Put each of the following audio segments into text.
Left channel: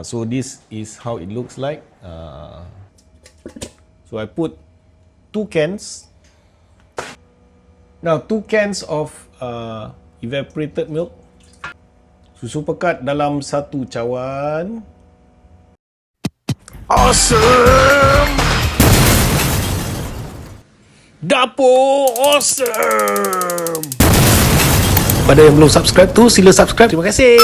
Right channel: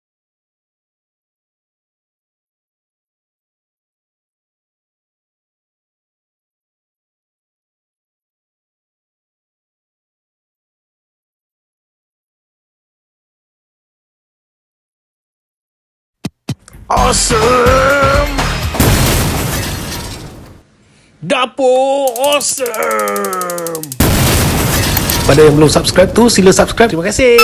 So this is how it looks like. So I put 2 cans. Now 2 cans of evaporated milk. Susu pekat dalam 1 cawan. Awesome! Dapur awesome! Pada yang belum subscribe tu, sila subscribe. Terima kasih.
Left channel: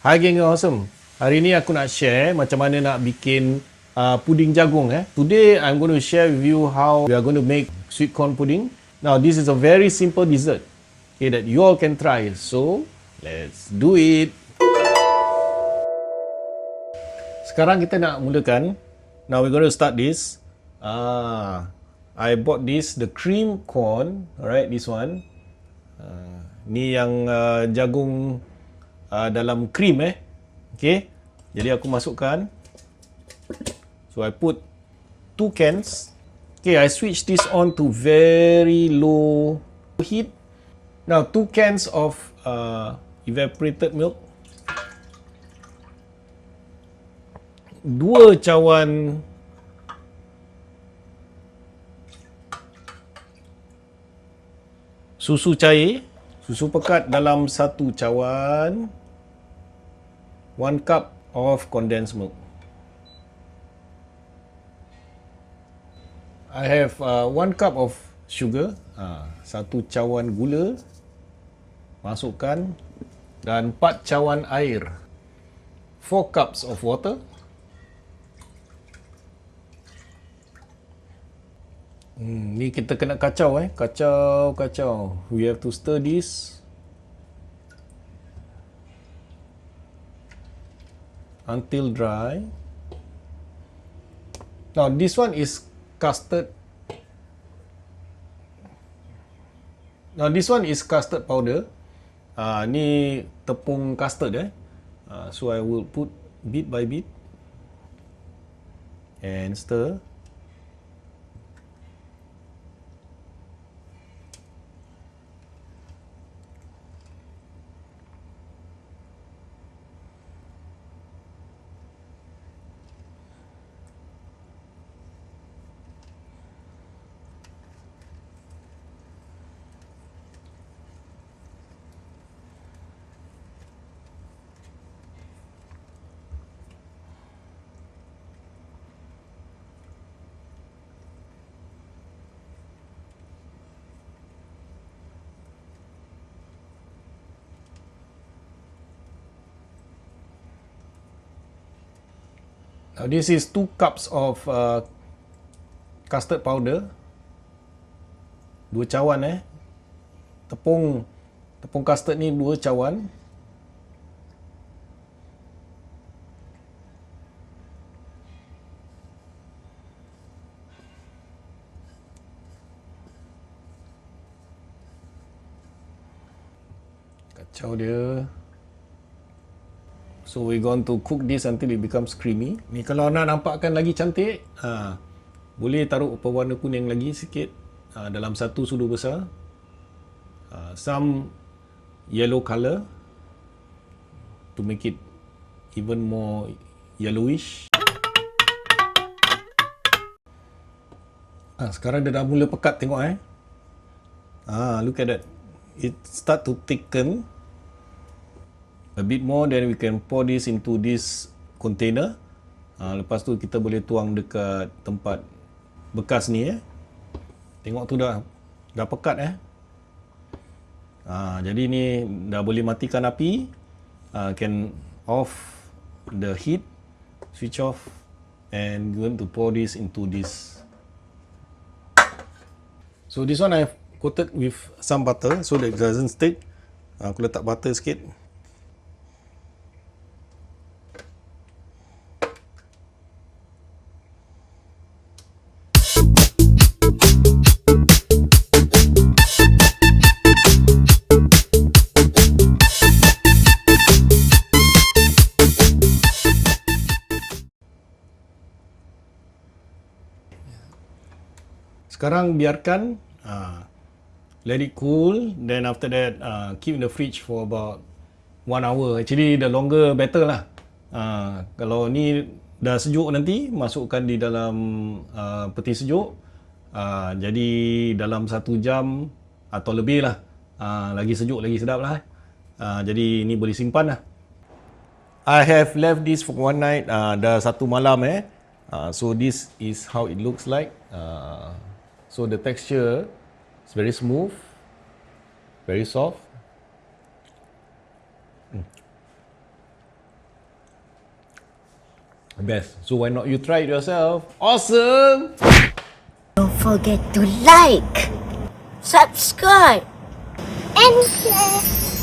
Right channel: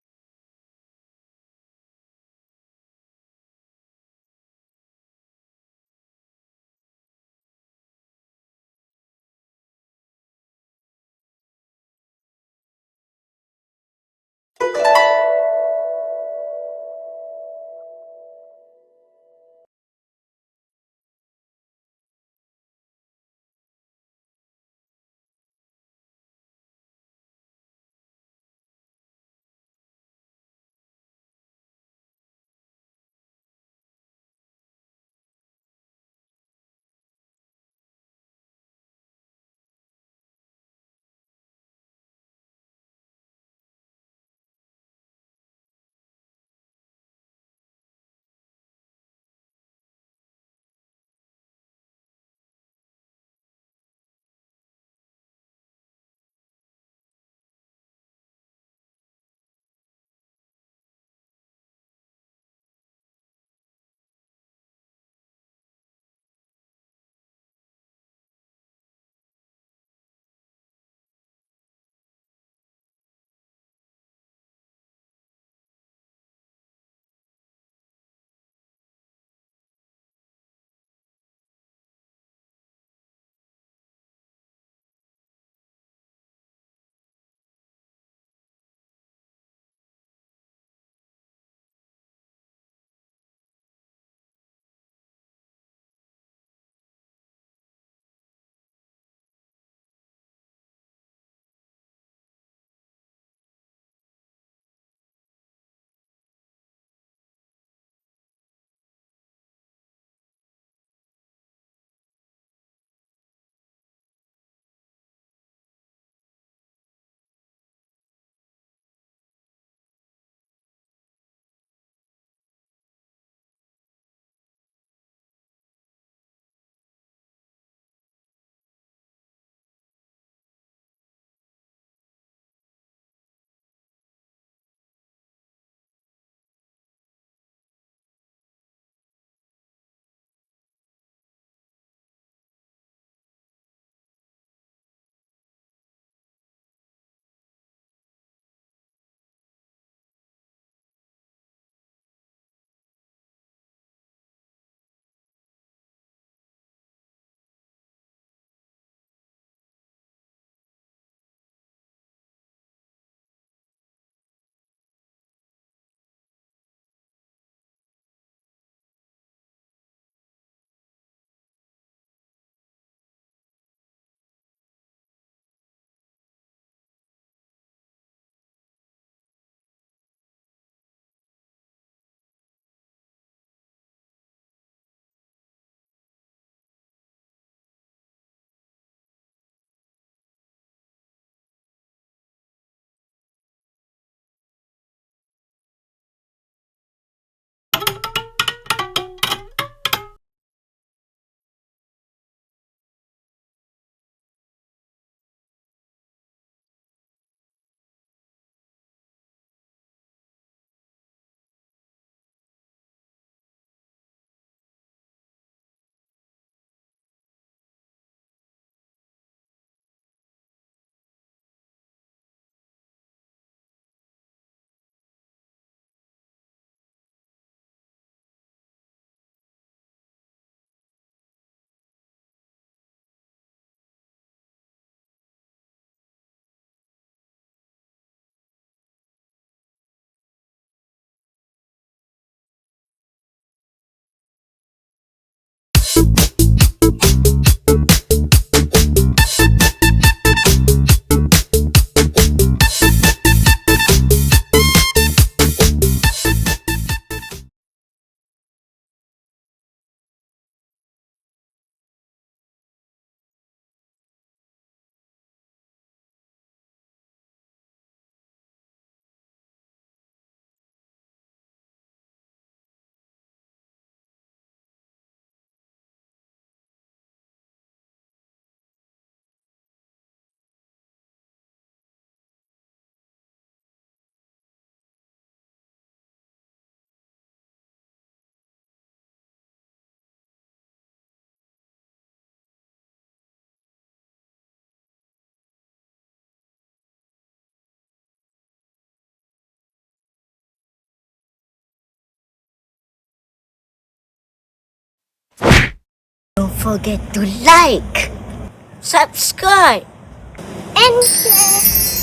Hai geng awesome. Hari ni aku nak share macam mana nak bikin puding jagung. Today I'm going to share with you how we are going to make sweet corn pudding. Now this is a very simple dessert, okay, that you all can try. So let's do it. Sekarang kita nak mulakan. Now we're going to start this. I bought this, the cream corn. Alright, this one. Ni yang jagung dalam cream okay. Jadi aku masukkan. So I put 2 cans. Okay, I switch this on to very low heat. Now 2 cans of evaporated milk. 2 cawan susu cair. Susu pekat dalam 1 cawan. 1 cup of condensed milk. I have 1 cup of sugar. 1 cawan gula. Masukkan. Dan 4 cawan air. 4 cups of water. Ni kita kena kacau kacau. We have to stir this until dry. Now this one is custard. Powder. Ni tepung custard so I will put bit by bit and stir. Now this is 2 cups of custard powder. 2 cawan Tepung custard ni 2 cawan. Kacau dia. So we're going to cook this until it becomes creamy. Ni kalau nak nampakkan lagi cantik, boleh taruh pewarna kuning lagi sikit dalam 1 sudu besar. Some yellow color to make it even more yellowish. Sekarang dia dah mula pekat, tengok look at that. It start to thicken a bit more, then we can pour this into this container. Lepas tu kita boleh tuang dekat tempat bekas ni Tengok tu dah pekat jadi ni dah boleh matikan api. Can off the heat, switch off, and going to pour this into this. So this one I've coated with some butter so that it doesn't stick. Aku letak butter sikit. Sekarang biarkan let it cool, then after that keep in the fridge for about 1 hour. Actually the longer better lah. Kalau ni dah sejuk nanti, masukkan di dalam peti sejuk. Jadi dalam 1 jam atau lebih lah. Lagi sejuk lagi sedap lah. Jadi ni boleh simpan lah. I have left this for one night. Dah 1 malam so this is how it looks like. So the texture is very smooth, very soft. Best. So why not you try it yourself? Awesome! Don't forget to like, subscribe, and share.